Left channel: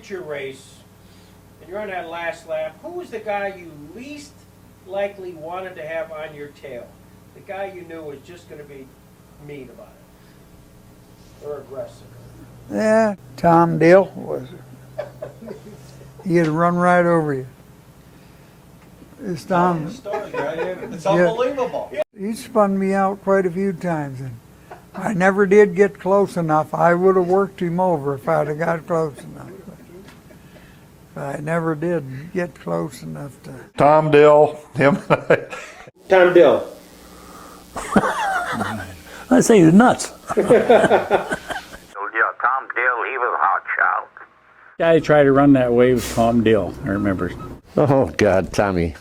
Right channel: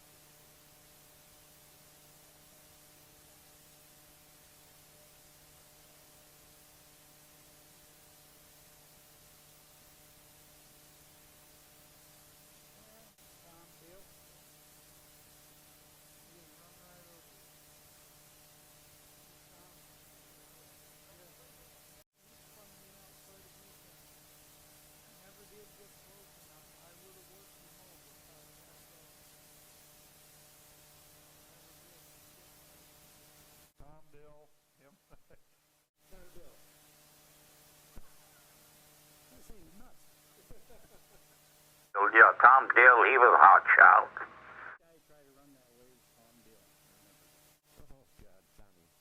future race, and you're on that last lap, who was the guy you least likely wanted to have on your tail? The guy you knew was just going to be mean about it, or aggressive. Yeah, Tom Dill was. He'd run right over you. It's Tom. It's unbelievable. He spun me out quite a few times, and I never did get close enough. I would have worked him over if I'd have got close enough. But I never did get close enough to. Tom Dill, him. Tom Dill. I say he's nuts. Yeah, Tom Dill, he was a hot shot. Guy who tried to run that way was Tom Dill, I remember. Oh, God, Tommy.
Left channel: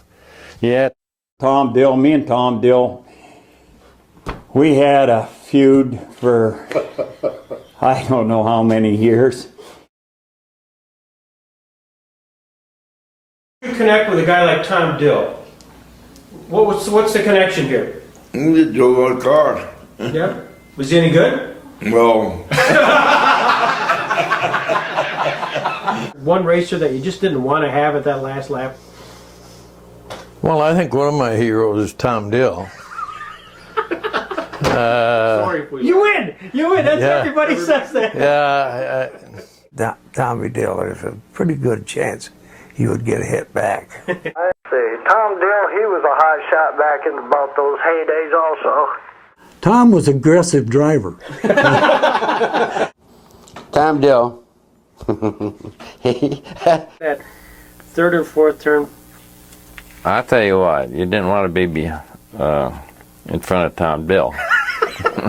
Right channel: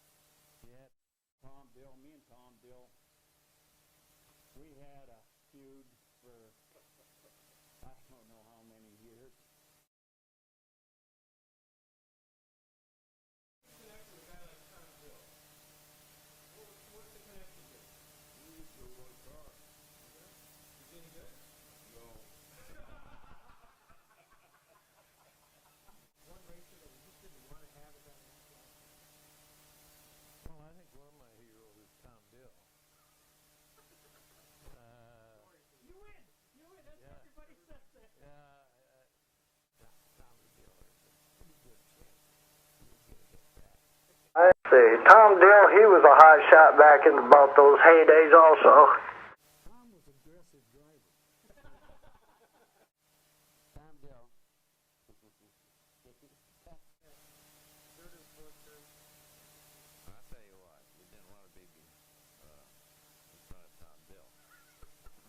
Yeah. Tom Dill, me and Tom Dill, we had a feud for I don't know how many years. You connect with a guy like Tom Dill. What's the connection here? We drove a car. Yeah? Was he any good? Well, One racer that you just didn't want to have at that last lap? Well, I think one of my heroes is Tom Dill. Sorry if we... You win! You win! That's everybody says that. Yeah. Tommy Dill, there's a pretty good chance he would get a hit back. I see. Tom Dill, he was a hot shot back in about those heydays also. Tom was an aggressive driver. Tom Dill. That third or fourth turn. I tell you what, you didn't want to be in front of Tom Dill.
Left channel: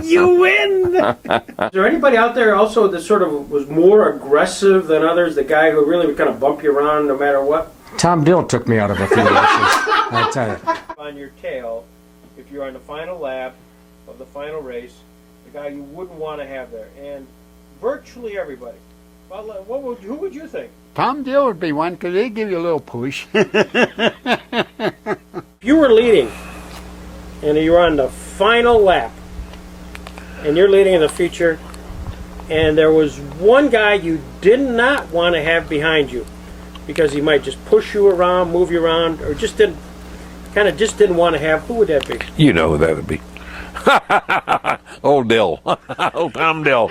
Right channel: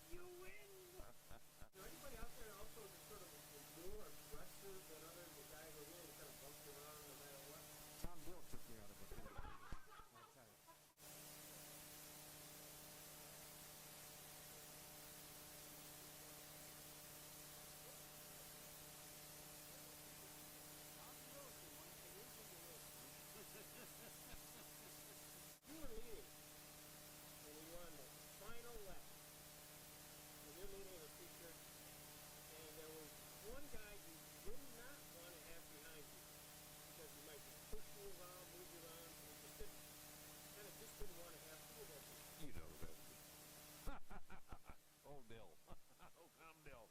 You win! Is there anybody out there also that sort of was more aggressive than others? The guy who really would kind of bump you around no matter what? Tom Dill took me out of a few races, I tell you. On your tail, if you're on the final lap of the final race, the guy you wouldn't want to have there. And virtually everybody. Well, who would you think? Tom Dill would be one because he'd give you a little push. If you were leading and you're on the final lap and you're leading in the future and there was one guy you did not want to have behind you because he might just push you around, move you around, or just didn't want to have, who would that be? You know who that would be. Old Dill. Old Tom Dill.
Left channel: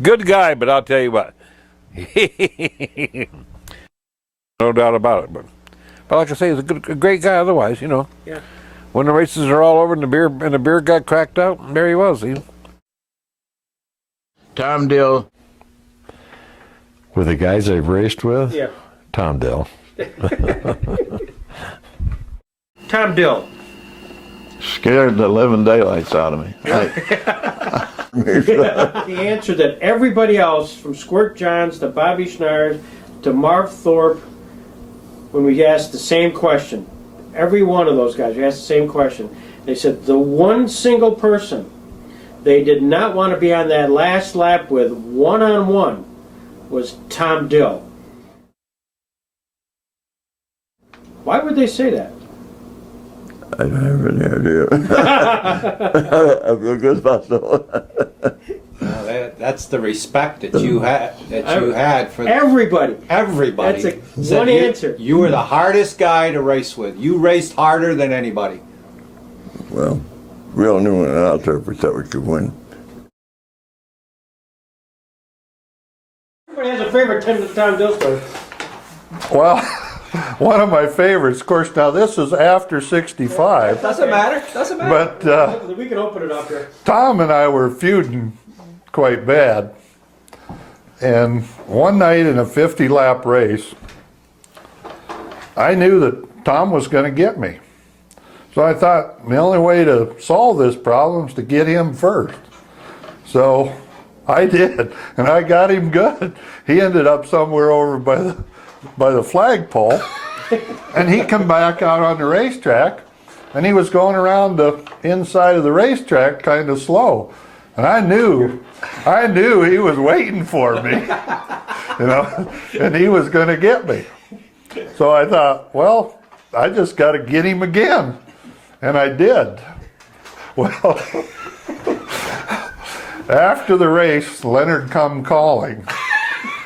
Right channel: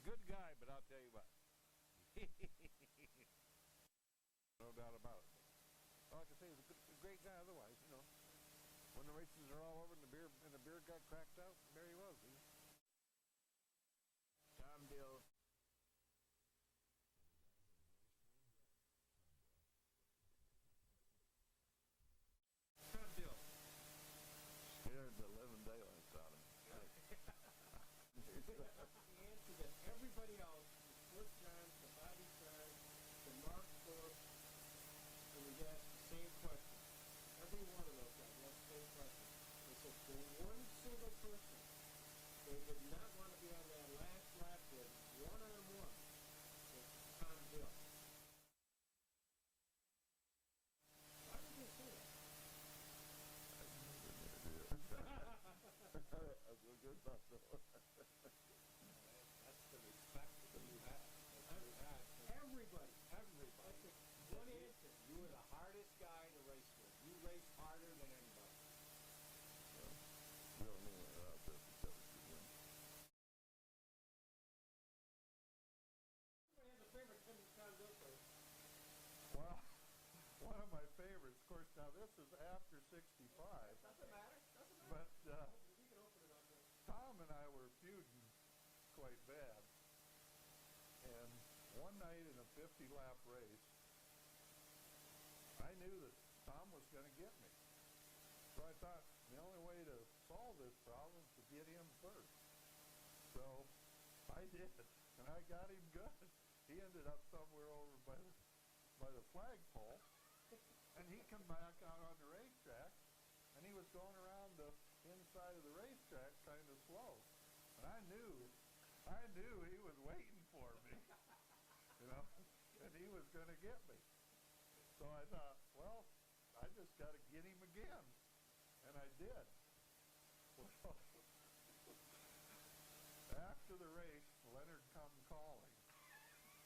Good guy, but I'll tell you what. No doubt about it. But like I say, he's a great guy otherwise, you know. Yeah. When the races are all over and the beer got cracked out, there he was. Tom Dill. With the guys I've raced with? Yeah. Tom Dill. Tom Dill. scared the living daylights out of me. The answer that everybody else, from Squirt Johns to Bobby Schnars to Marv Thorpe, when we asked the same question, every one of those guys, we asked the same question. They said the one single person they did not want to be on that last lap with one-on-one was Tom Dill. Why would they say that? I don't have any idea. I feel good about that. That's the respect that you had for everybody. Everybody. That's one answer. You were the hardest guy to race with. You raced harder than anybody. Well, we all knew when out there we thought we could win. Everybody has a favorite Tom Dill story. Well, one of my favorites, of course, now this is after 65. Doesn't matter. Doesn't matter. But we can open it up here. Tom and I were feuding quite bad. And one night in a 50-lap race, I knew that Tom was going to get me. So I thought the only way to solve this problem is to get him first. So I did, and I got him good. He ended up somewhere over by the flagpole, and he come back out on the racetrack, and he was going around the inside of the racetrack kind of slow. And I knew he was waiting for me, you know, and he was going to get me. So I thought, well, I just got to get him again. And I did. Well, after the race, Leonard come calling.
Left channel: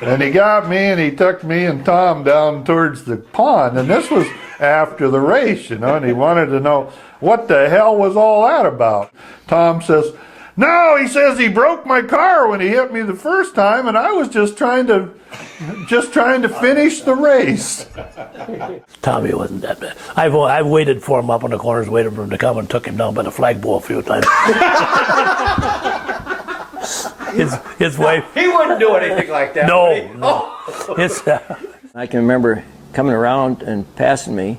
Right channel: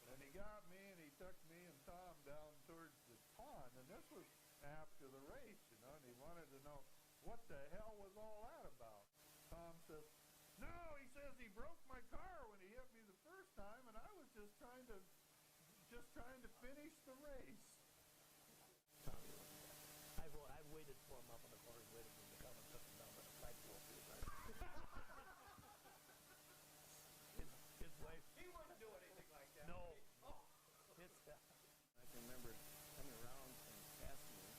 And he got me and he took me and Tom down towards the pond. And this was after the race, you know, and he wanted to know what the hell was all that about. Tom says, no, he says he broke my car when he hit me the first time, and I was just trying to finish the race. Tommy wasn't that bad. I've waited for him up in the corners, waited for him to come, and took him down by the flagpole a few times. his wife. He wouldn't do anything like that. No. I can remember coming around and passing me.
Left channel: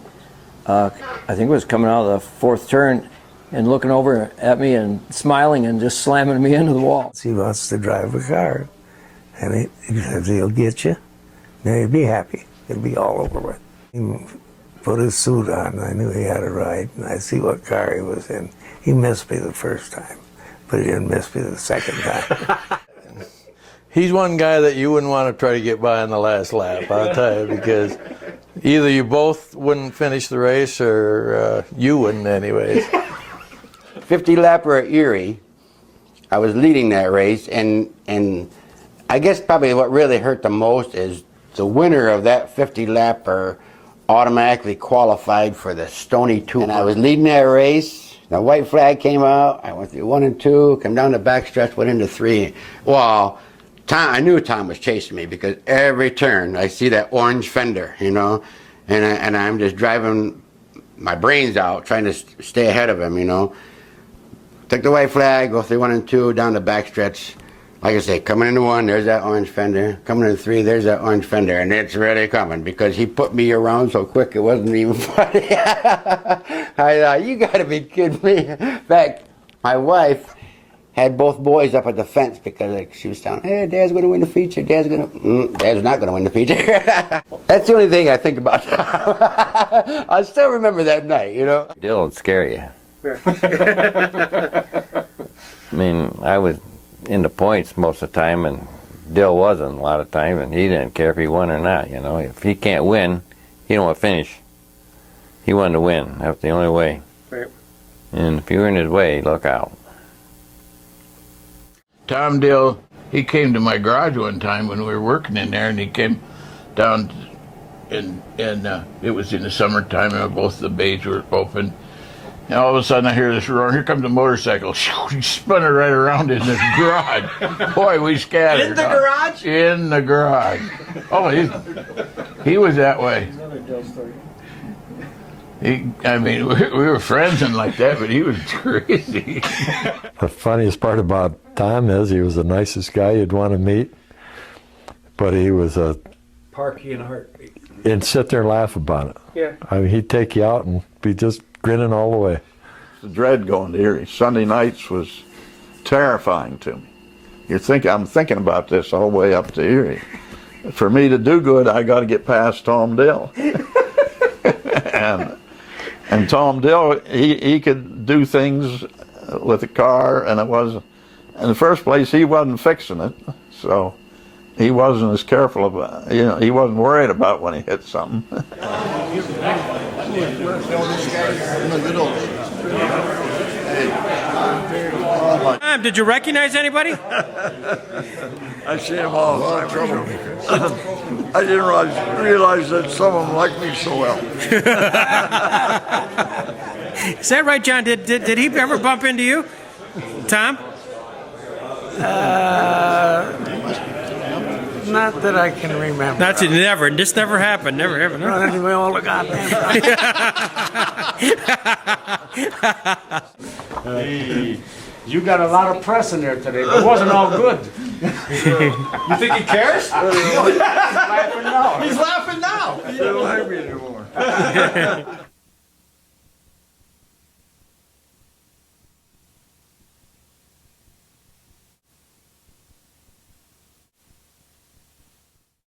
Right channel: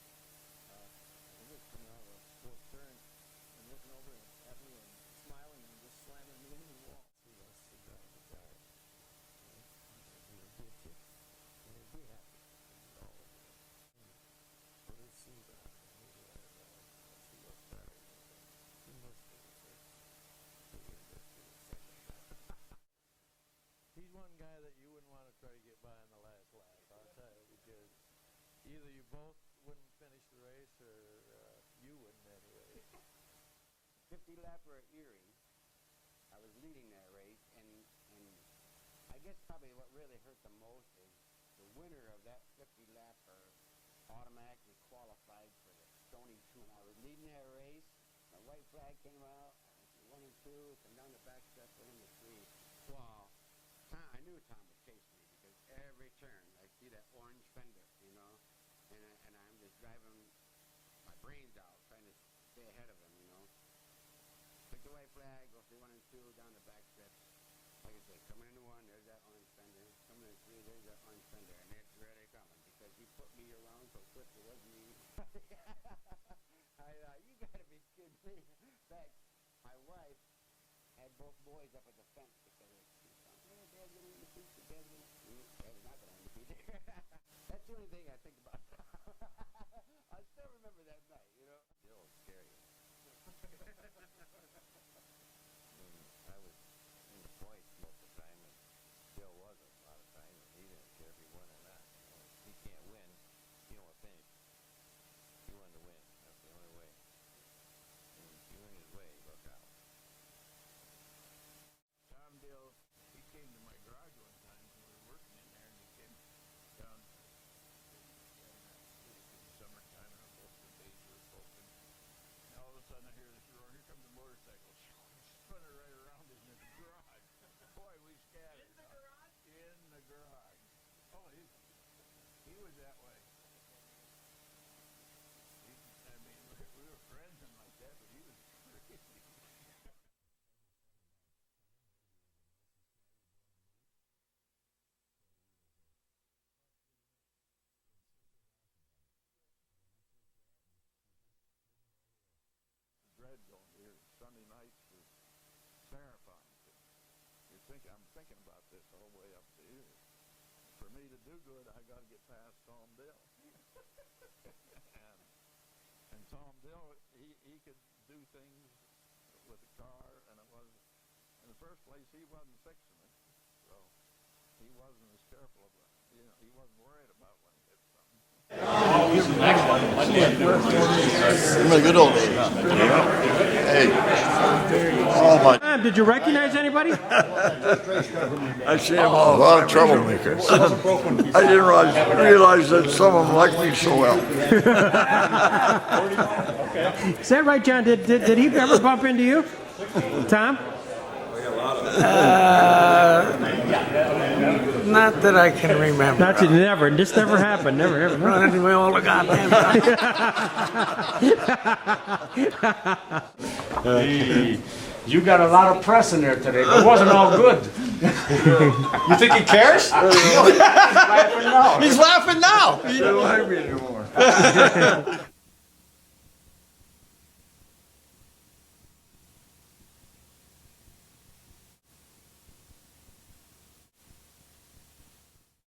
I think it was coming out of the fourth turn and looking over at me and smiling and just slamming me into the wall. He wants to drive a car, and he says he'll get you. Then he'll be happy. It'll be all over with. He put his suit on. I knew he had a ride, and I see what car he was in. He missed me the first time, but he didn't miss me the second time. He's one guy that you wouldn't want to try to get by on the last lap, I'll tell you, because either you both wouldn't finish the race or you wouldn't anyways. 50 lapper at Erie, I was leading that race, and I guess probably what really hurt the most is the winner of that 50 lapper automatically qualified for the Stony 2. And I was leading that race, the white flag came out, I went through 1 and 2, come down the backstretch, went into 3. Well, I knew Tom was chasing me because every turn I see that orange fender, you know, and I'm just driving my brains out trying to stay ahead of him, you know. Took the white flag, go through 1 and 2, down the backstretch. Like I say, coming into 1, there's that orange fender. Coming into 3, there's that orange fender, and it's really coming because he put me around so quick it wasn't even funny. I thought, you gotta be kidding me. In fact, my wife had both boys up at the fence because she was telling, hey, Dad's gonna win the feature, Dad's not gonna win the feature. That's the only thing I think about. I still remember that night, you know. Dill would scare you. I mean, I was in the points most of the time, and Dill wasn't a lot of time, and he didn't care if he won or not, you know. If he can't win, he don't want to finish. He wanted to win. That's the only way. Right. And if you're in his way, look out. Tom Dill, he came to my garage one time when we were working in there, and he came down, and it was in the summertime, and both the bays were open. And all of a sudden I hear this roar, here comes a motorcycle. He spun it right around in the garage. Boy, we scattered. In the garage? In the garage. Oh, he was that way. I mean, we were friends and like that, but he was crazy. The funniest part about Tom is he was the nicest guy you'd want to meet, but he was a... Parky in a heartbeat. And sit there and laugh about it. Yeah. I mean, he'd take you out and be just grinning all the way. The dread going to Erie. Sunday nights was terrifying to me. I'm thinking about this all the way up to Erie. For me to do good, I got to get past Tom Dill. and Tom Dill, he could do things with the car, and it was, in the first place, he wasn't fixing it, so he wasn't as careful about, you know, he wasn't worried about when he hit something. In the good old days. Hey. Oh my. Did you recognize anybody? I see them all. A lot of troublemakers. I didn't realize that some of them liked me so well. Is that right, John? Did he ever bump into you? Tom? Not that I can remember. That's it. Never. This never happened. Never happened. Running into me all the goddamn time. Hey, you got a lot of press in there today, but it wasn't all good. You think he cares? He's laughing now. He's laughing now. He don't like me anymore.